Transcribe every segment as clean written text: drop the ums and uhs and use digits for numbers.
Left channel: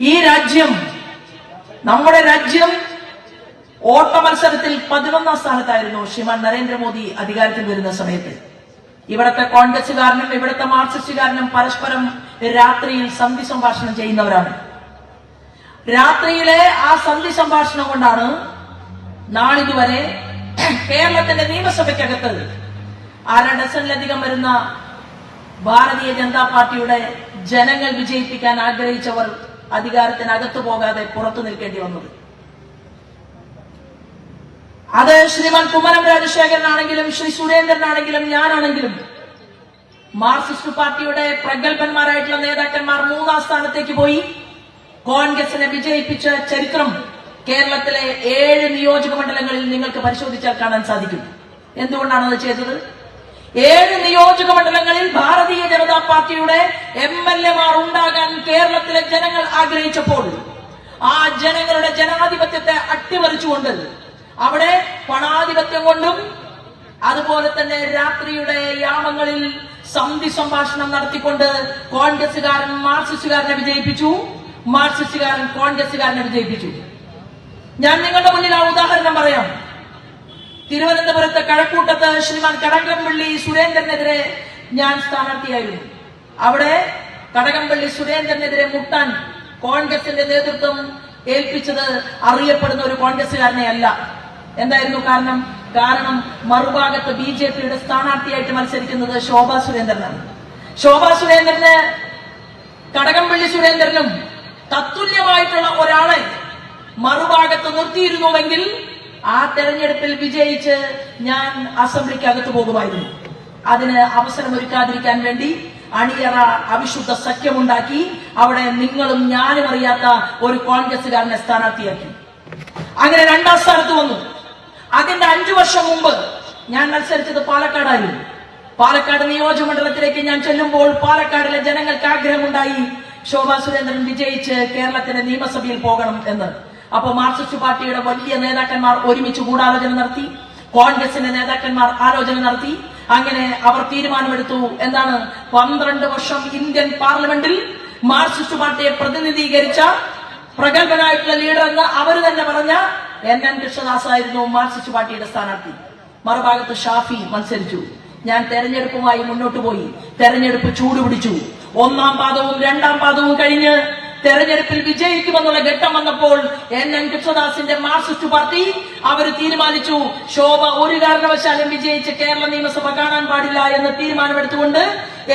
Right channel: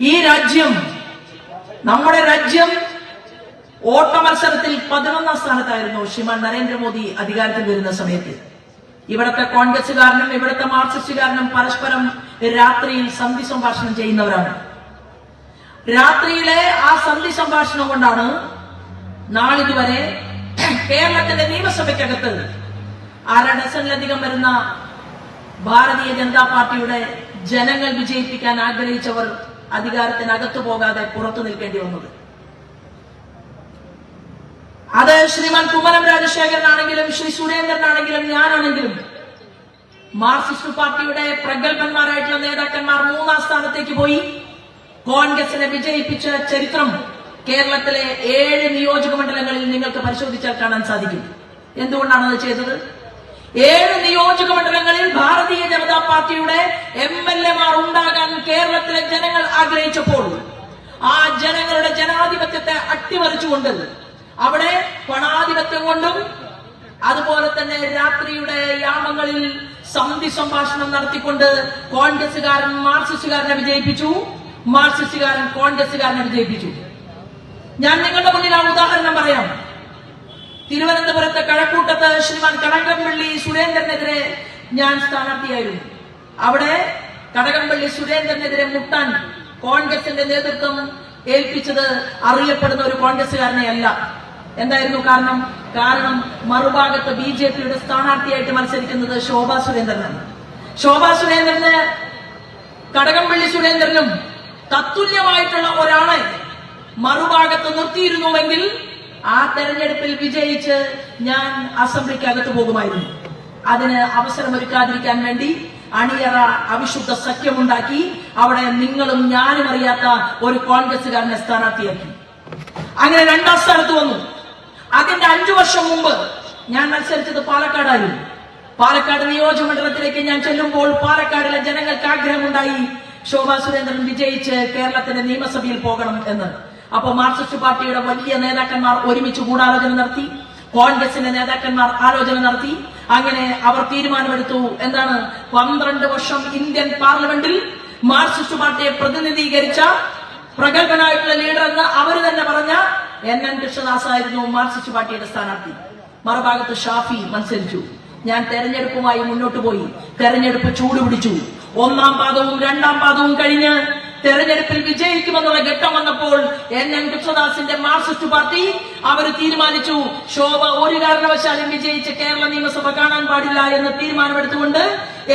ഈ രാജ്യം, നമ്മുടെ രാജ്യം ഓട്ട മത്സരത്തിൽ 11ാം സ്ഥാനത്തായിരുന്നു ശ്രീമാൻ നരേന്ദ്രമോദി അധികാരത്തിൽ വരുന്ന സമയത്ത്. ഇവിടുത്തെ കോൺഗ്രസുകാരനും ഇവിടുത്തെ മാർക്സിസ്റ്റുകാരനും പരസ്പരം രാത്രിയിൽ സന്ധി സംഭാഷണം ചെയ്യുന്നവരാണ്. രാത്രിയിലെ ആ സന്ധി സംഭാഷണം കൊണ്ടാണ് നാളിതുവരെ കേരളത്തിന്റെ നിയമസഭയ്ക്കകത്ത് 1/2 ഡസനിലധികം വരുന്ന ഭാരതീയ ജനതാ പാർട്ടിയുടെ ജനങ്ങൾ വിജയിപ്പിക്കാൻ ആഗ്രഹിച്ചവർ അധികാരത്തിനകത്തു പോകാതെ പുറത്തു നിൽക്കേണ്ടി വന്നത്. അത് ശ്രീമാൻ കുമ്മനം രാജശേഖരനാണെങ്കിലും ശ്രീ സുരേന്ദ്രനാണെങ്കിലും ഞാനാണെങ്കിലും മാർക്സിസ്റ്റ് പാർട്ടിയുടെ പ്രഗത്ഭന്മാരായിട്ടുള്ള നേതാക്കന്മാർ 3ാം സ്ഥാനത്തേക്ക് പോയി കോൺഗ്രസിനെ വിജയിപ്പിച്ച ചരിത്രം കേരളത്തിലെ 7 നിയോജക മണ്ഡലങ്ങളിൽ നിങ്ങൾക്ക് പരിശോധിച്ചാൽ കാണാൻ സാധിക്കും. എന്തുകൊണ്ടാണ് അത് ചെയ്തത്? 7 നിയോജക മണ്ഡലങ്ങളിൽ ഭാരതീയ ജനതാ പാർട്ടിയുടെ MLA-മാർ ഉണ്ടാകാൻ കേരളത്തിലെ ജനങ്ങൾ ആഗ്രഹിച്ചപ്പോൾ ആ ജനങ്ങളുടെ ജനാധിപത്യത്തെ അട്ടിമറിച്ചുകൊണ്ട് അവിടെ പണാധിപത്യം കൊണ്ടും അതുപോലെ തന്നെ രാത്രിയുടെ യാമങ്ങളിൽ സന്ധി സംഭാഷണം നടത്തിക്കൊണ്ട് കോൺഗ്രസുകാരൻ മാർക്സിസ്റ്റുകാരനെ വിജയിപ്പിച്ചു, മാർക്സിസ്റ്റുകാരൻ കോൺഗ്രസുകാരനെ വിജയിപ്പിച്ചു. ഞാൻ നിങ്ങളുടെ മുന്നിൽ ആ ഉദാഹരണം പറയാം. തിരുവനന്തപുരത്ത് കഴക്കൂട്ടത്ത് ശ്രീമാൻ കടകംപള്ളി സുരേന്ദ്രനെതിരെ ഞാൻ സ്ഥാനാർത്ഥിയായിരുന്നു. അവിടെ കടകംപള്ളി സുരേന്ദ്രനെതിരെ മുട്ടാൻ കോൺഗ്രസിന്റെ നേതൃത്വം ഏൽപ്പിച്ചത് അറിയപ്പെടുന്ന ഒരു കോൺഗ്രസുകാരനെ അല്ല. എന്തായിരുന്നു കാരണം? മറുഭാഗത്ത് BJP-യുടെ സ്ഥാനാർത്ഥിയായിട്ട് മത്സരിക്കുന്നത് ശോഭാ സുരേന്ദ്രനാണ്. ശോഭാ സുരേന്ദ്രന് കടകംപള്ളി സുരേന്ദ്രനും തത്തുല്യമായിട്ടുള്ള ഒരാളെ മറുഭാഗത്ത് നിർത്തിയിരുന്നുവെങ്കിൽ ആ തെരഞ്ഞെടുപ്പിൽ വിജയിച്ച് ഞാൻ അസംബ്ലിക്കകത്ത് പോകുമായിരുന്നു. അതിന് അവസരമൊരുക്കാതിരിക്കാൻ വേണ്ടി അണിയറ അവിശുദ്ധ സഖ്യമുണ്ടാക്കി അവിടെ നിങ്ങളും ഞാനും അറിയാത്ത ഒരു കോൺഗ്രസുകാരനെ സ്ഥാനാർത്ഥിയാക്കി. അങ്ങനെ 2ാം സ്ഥാനത്ത് വന്നു. അതിന്റെ 5 വർഷം മുമ്പ് ഞാൻ മത്സരിച്ചത് പാലക്കാടായിരുന്നു. പാലക്കാട് നിയോജകമണ്ഡലത്തിലേക്ക് ഞാൻ ചെല്ലുമ്പോൾ പാലക്കാടിലെ ജനങ്ങൾക്ക് ആഗ്രഹമുണ്ടായി ശോഭാ സുരേന്ദ്രൻ വിജയിച്ച് കേരളത്തിന്റെ നിയമസഭയിൽ പോകണം എന്ന്. അപ്പൊ മാർക്സിസ്റ്റ് പാർട്ടിയുടെ വലിയ നേതാക്കന്മാർ ഒരുമിച്ച് ഗൂഢാലോചന നടത്തി, കോൺഗ്രസിന്റെ നേതാക്കന്മാർ ആലോചന നടത്തി. അങ്ങനെ അവർ തീരുമാനമെടുത്തു. എന്താണ്? 12 വർഷം ഇന്ത്യൻ പാർലമെന്റിൽ മാർക്സിസ്റ്റ് പാർട്ടിയെ പ്രതിനിധീകരിച്ച പ്രഗത്ഭനായിട്ടുള്ള ലീഡർ എന്ന് അവർ തന്നെ പറഞ്ഞ NN കൃഷ്ണദാസ് ആയിരുന്നു മാർക്സിസ്റ്റ് പാർട്ടിയുടെ സ്ഥാനാർത്ഥി. മറുഭാഗത്ത് ഷാഫി മത്സരിച്ചു. ഞാൻ തെരഞ്ഞെടുപ്പുമായി മുന്നോട്ട് പോയി. തെരഞ്ഞെടുപ്പ് ചൂടുപിടിച്ചു. 1ാം പാദവും 2ാം പാദവും കഴിഞ്ഞ് തെരഞ്ഞെടുപ്പിൽ വിജയിക്കുമെന്നുള്ള ഘട്ടം വന്നപ്പോൾ NN കൃഷ്ണദാസിന്റെ മാർക്സിസ്റ്റ് പാർട്ടി അവർ തീരുമാനിച്ചു ശോഭ ഒരു കാരണവശാലും വിജയിച്ച് കേരള നിയമസഭ കാണാൻ പാടില്ല എന്ന് തീരുമാനമെടുത്തുകൊണ്ട്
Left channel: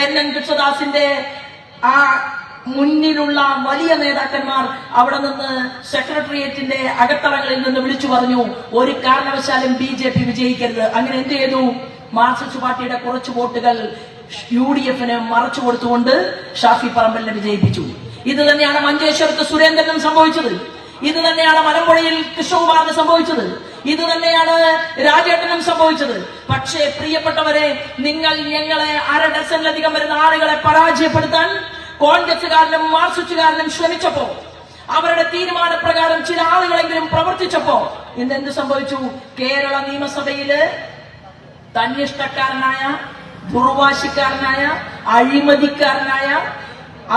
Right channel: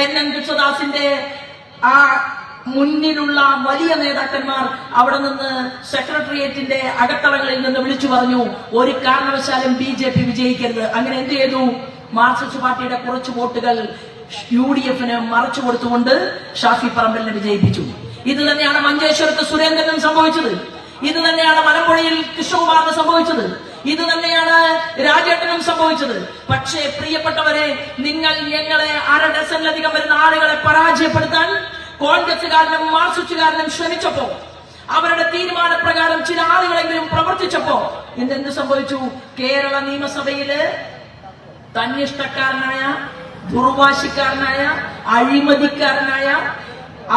NN കൃഷ്ണദാസിന്റെ ആ മുന്നിലുള്ള വലിയ നേതാക്കന്മാർ അവിടെ നിന്ന് സെക്രട്ടേറിയറ്റിന്റെ അകത്തളങ്ങളിൽ നിന്ന് വിളിച്ചു പറഞ്ഞു ഒരു കാരണവശാലും BJP വിജയിക്കരുത്. അങ്ങനെ എന്ത് ചെയ്തു? മാർക്സിസ്റ്റ് പാർട്ടിയുടെ കുറച്ച് വോട്ടുകൾ UDF-ന് മറച്ചു കൊടുത്തുകൊണ്ട് ഷാഫി പറമ്പലിനെ വിജയിപ്പിച്ചു. ഇത് തന്നെയാണ് മഞ്ചേശ്വരത്ത് സുരേന്ദ്രനും സംഭവിച്ചത്. ഇത് തന്നെയാണ് മലമ്പുഴയിൽ കൃഷ്ണകുമാറിന് സംഭവിച്ചത്. ഇത് തന്നെയാണ് രാജേട്ടനും സംഭവിച്ചത്. പക്ഷേ പ്രിയപ്പെട്ടവരെ, നിങ്ങൾ ഞങ്ങളെ 1/2 ഡസനിലധികം വരുന്ന ആളുകളെ പരാജയപ്പെടുത്താൻ കോൺഗ്രസുകാരനും മാർക്സിസ്റ്റുകാരനും ശ്രമിച്ചപ്പോ, അവരുടെ തീരുമാനപ്രകാരം ചില ആളുകളെങ്കിലും പ്രവർത്തിച്ചപ്പോ ഇന്നെന്ത് സംഭവിച്ചു? കേരള നിയമസഭയില് തന്നിഷ്ടക്കാരനായ, ദുർവാശിക്കാരനായ, അഴിമതിക്കാരനായ,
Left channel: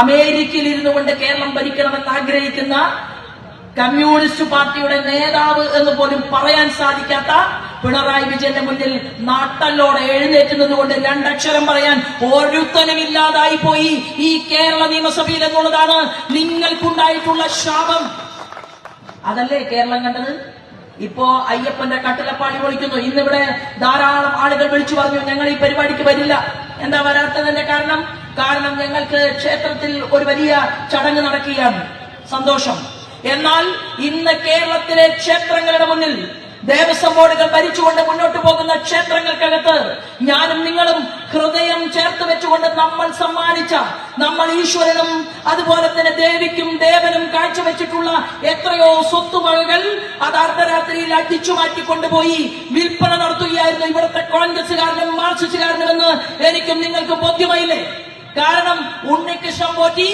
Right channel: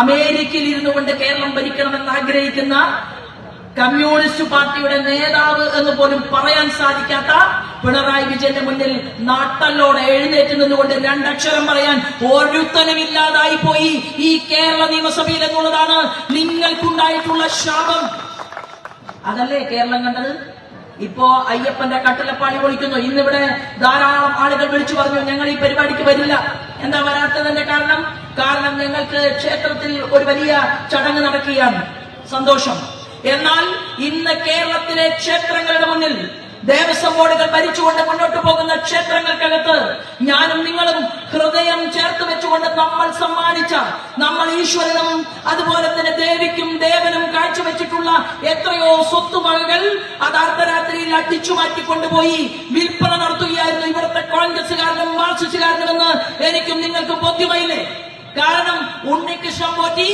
അമേരിക്കയിൽ ഇരുന്നു കൊണ്ട് കേരളം ഭരിക്കണമെന്ന് ആഗ്രഹിക്കുന്ന കമ്മ്യൂണിസ്റ്റ് പാർട്ടിയുടെ നേതാവ് എന്ന് പോലും പറയാൻ സാധിക്കാത്ത പിണറായി വിജയന്റെ മുന്നിൽ നാട്ടല്ലോടെ എഴുന്നേറ്റ് നിന്നുകൊണ്ട് 2 അക്ഷരം പറയാൻ ഒരുത്തനുമില്ലാതായി പോയി ഈ കേരള നിയമസഭയിൽ എന്നുള്ളതാണ് നിങ്ങൾക്കുണ്ടായിട്ടുള്ള ശാപം. അതല്ലേ കേരളം കണ്ടത്? ഇപ്പോ അയ്യപ്പന്റെ കട്ടിലപ്പാളി പൊളിക്കുന്നു. ഇന്നിവിടെ ധാരാളം ആളുകൾ വിളിച്ചു പറഞ്ഞു ഞങ്ങൾ ഈ പരിപാടിക്ക് വരില്ല. എന്താ വരാത്തതിന്റെ കാരണം ഞങ്ങൾക്ക് ക്ഷേത്രത്തിൽ ഒരു വലിയ ചടങ്ങ് നടക്കുകയാണ്. സന്തോഷം. എന്നാൽ ഇന്ന് കേരളത്തിലെ ക്ഷേത്രങ്ങളുടെ മുന്നിൽ ദേവസ്വം ബോർഡുകൾ ഭരിച്ചുകൊണ്ട് മുന്നോട്ട് പോകുന്ന ക്ഷേത്രങ്ങൾക്കകത്ത് ഞാനും നിങ്ങളും ഹൃദയം ചേർത്ത് വെച്ചുകൊണ്ട് നമ്മൾ സമ്മാനിച്ച, നമ്മൾ ഈശ്വരനും അതുപോലെ തന്നെ ദേവിക്കും ദേവനും കാഴ്ചവെച്ചിട്ടുള്ള എത്രയോ സ്വത്തുവകകൾ അത് അർദ്ധരാത്രിയിൽ അടിച്ചു മാറ്റിക്കൊണ്ടുപോയി വിൽപ്പന നടത്തുകയായിരുന്നു ഇവിടുത്തെ കോൺഗ്രസുകാരനും മാർക്സിസ്റ്റുകാരനുമെന്ന് എനിക്കും നിങ്ങൾക്കും ബോധ്യമായില്ലേ? കാരണം ഉണ്ണികൃഷ്ണൻ പോറ്റി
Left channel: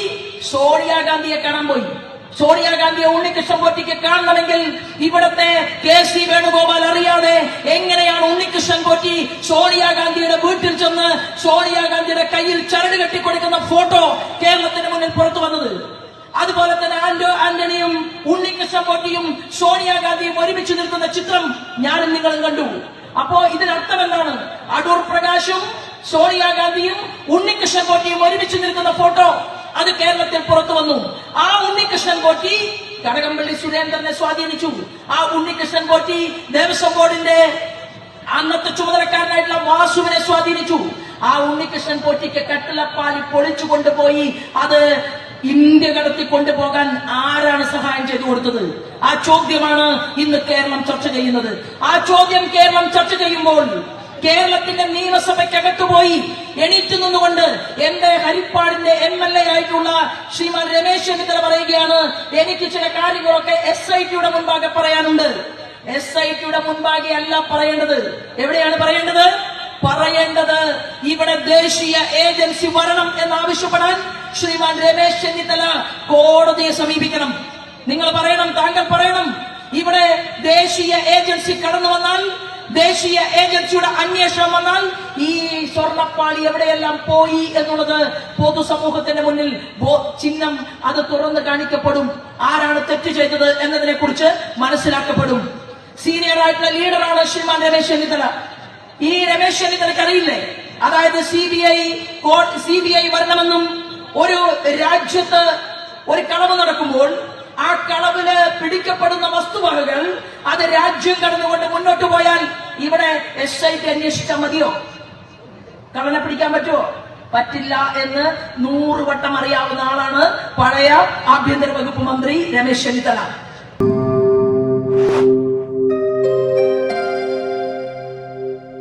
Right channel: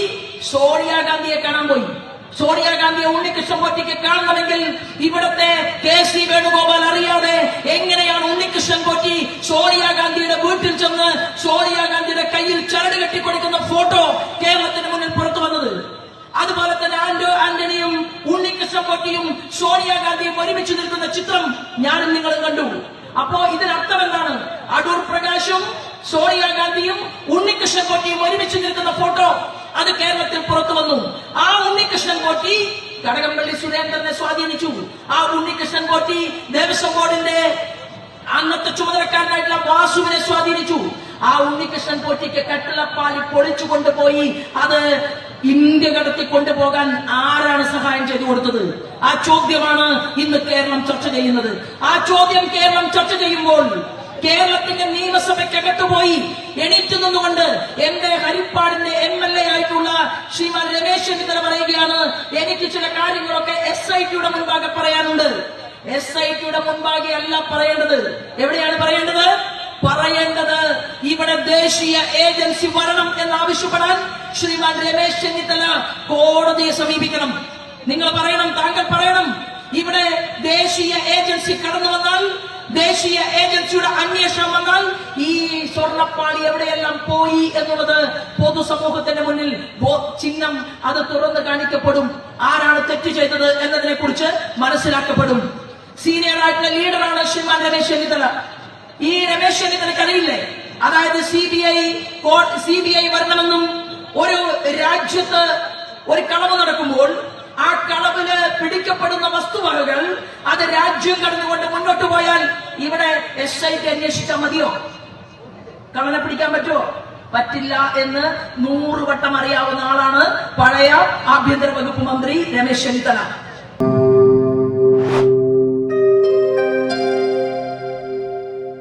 സോണിയാഗാന്ധിയെ കാണാൻ പോയി. സോണിയാഗാന്ധിയെ ഉണ്ണികൃഷ്ണൻ പോറ്റിക്ക് കാണണമെങ്കിൽ ഇവിടുത്തെ KC വേണുഗോപാൽ അറിയാതെ എങ്ങനെയാണ് ഉണ്ണികൃഷ്ണൻ പോറ്റി സോണിയാഗാന്ധിയുടെ വീട്ടിൽ ചെന്ന് സോണിയാഗാന്ധിയുടെ കയ്യിൽ ചരട് കെട്ടിക്കൊടുക്കുന്ന ഫോട്ടോ കേരളത്തിന് മുന്നിൽ പുറത്തു വന്നത്? അതുപോലെ തന്നെ ആന്റണിയും ഉണ്ണികൃഷ്ണൻ പോറ്റിയും സോണിയാഗാന്ധിയും ഒരുമിച്ച് നിൽക്കുന്ന ചിത്രം ഞാനും നിങ്ങളും കണ്ടു. അപ്പോ ഇതിനർത്ഥം എന്താണ്? അടൂർ പ്രകാശും സോണിയാഗാന്ധിയും ഉണ്ണികൃഷ്ണൻ പോറ്റിയും ഒരുമിച്ച് നിൽക്കുന്ന ഫോട്ടോ അത് കേരളത്തിൽ പുറത്തു വന്നു. ആ ഉണ്ണികൃഷ്ണൻ പോറ്റി കടകംപള്ളി സുരേന്ദ്രനെ സ്വാധീനിച്ചു. ആ ഉണ്ണികൃഷ്ണൻ പോറ്റി ദേവസ്വം ബോർഡിന്റെ അന്നത്തെ ചുമതലക്കാരനായിട്ടുള്ള വാസുവിനെ സ്വാധീനിച്ചു. ആ ഉണ്ണികൃഷ്ണൻ പോറ്റിക്ക് കട്ടിളപ്പാലി പൊളിച്ചു കൊണ്ടുപോയി അത് ഇന്ത്യ കടത്തി കൊണ്ടുപോകാൻ ആരാണ് സഹായം ചെയ്തു കൊടുത്തത്? ആ ചോദ്യമാണ് ഇന്ന് കേരളം ചർച്ച ചെയ്യുന്നത്. ആ ചോദ്യം കേരളം ചർച്ച ചെയ്യുമ്പോൾ കേരളത്തിന്റെ നിയമസഭയ്ക്കകത്ത് പോയി എണീറ്റ് നിന്നുകൊണ്ട് എന്റെ ഹരിപ്പാടിന്റെ MLA ആയിട്ടുള്ള ശ്രീമാൻ രമേശ് ചെന്നിത്തല പറയുകയാണ്, എനിക്ക് ചില കാര്യങ്ങളൊക്കെ SITയുടെ മുൻപാകെ പറയാനുണ്ട്. SITയുടെ മുൻപാകെ അല്ല പറയേണ്ടത്. എവിടെയാണ് പറയേണ്ടത്? ഇവിടെ ദേശീയ ഏജൻസി വരണം എന്നാവശ്യപ്പെടാൻ ശ്രീമാൻ രമേശ് ചെന്നിത്തല കോടതിയെ സമീപിക്കണം. നിങ്ങൾ പറയണം, താങ്കൾ പറയണം, ഇവിടെ ദേശീയ ഏജൻസി കടന്നു വന്നാൽ, ദേശീയ ഏജൻസിയുടെ അന്വേഷണം വന്നാൽ ഈ സ്വർണ്ണപ്പാളി എവിടെയെല്ലാം പോയി എന്നുള്ളത് പൊതുസമൂഹത്തിന്റെ മുന്നിൽ ചിഹ്നം അത് തുറന്നു കാണിക്കപ്പെടും. ആരാണ് തെറ്റ് ചെയ്തത് എന്നതിനെ കുറിച്ച് മനസ്സിലാക്കപ്പെടും. സീനിയർ ആയിട്ടുള്ള ലീഡറാണ് ശ്രീമാൻ രമേശ് ചെന്നിത്തല. ഈ രമേശ് ചെന്നിത്തലയ്ക്ക് അറിയില്ലേ, അതായത് CBI വരണമെന്നും ഒരു രാജ്യത്ത് ഒരു കളവ് നടക്കുമ്പോൾ ആ കളവില് പിടിക്കപ്പെടുന്ന വസ്തുവകകൾ അത് രാജ്യം കടന്നുകൊണ്ട് മുന്നോട്ട് പോയാൽ ഇവിടെ SIT അന്വേഷിച്ചാൽ മതിയോ? കള്ളനെ പിടിക്കാൻ പറ്റുമോ? പറ്റില്ല എന്ന് 100 വട്ടം അറിയാവുന്ന ആളാണ് പഴയ ആഭ്യന്തര വകുപ്പ് മന്ത്രി രമേശ് ചെന്നിത്തല.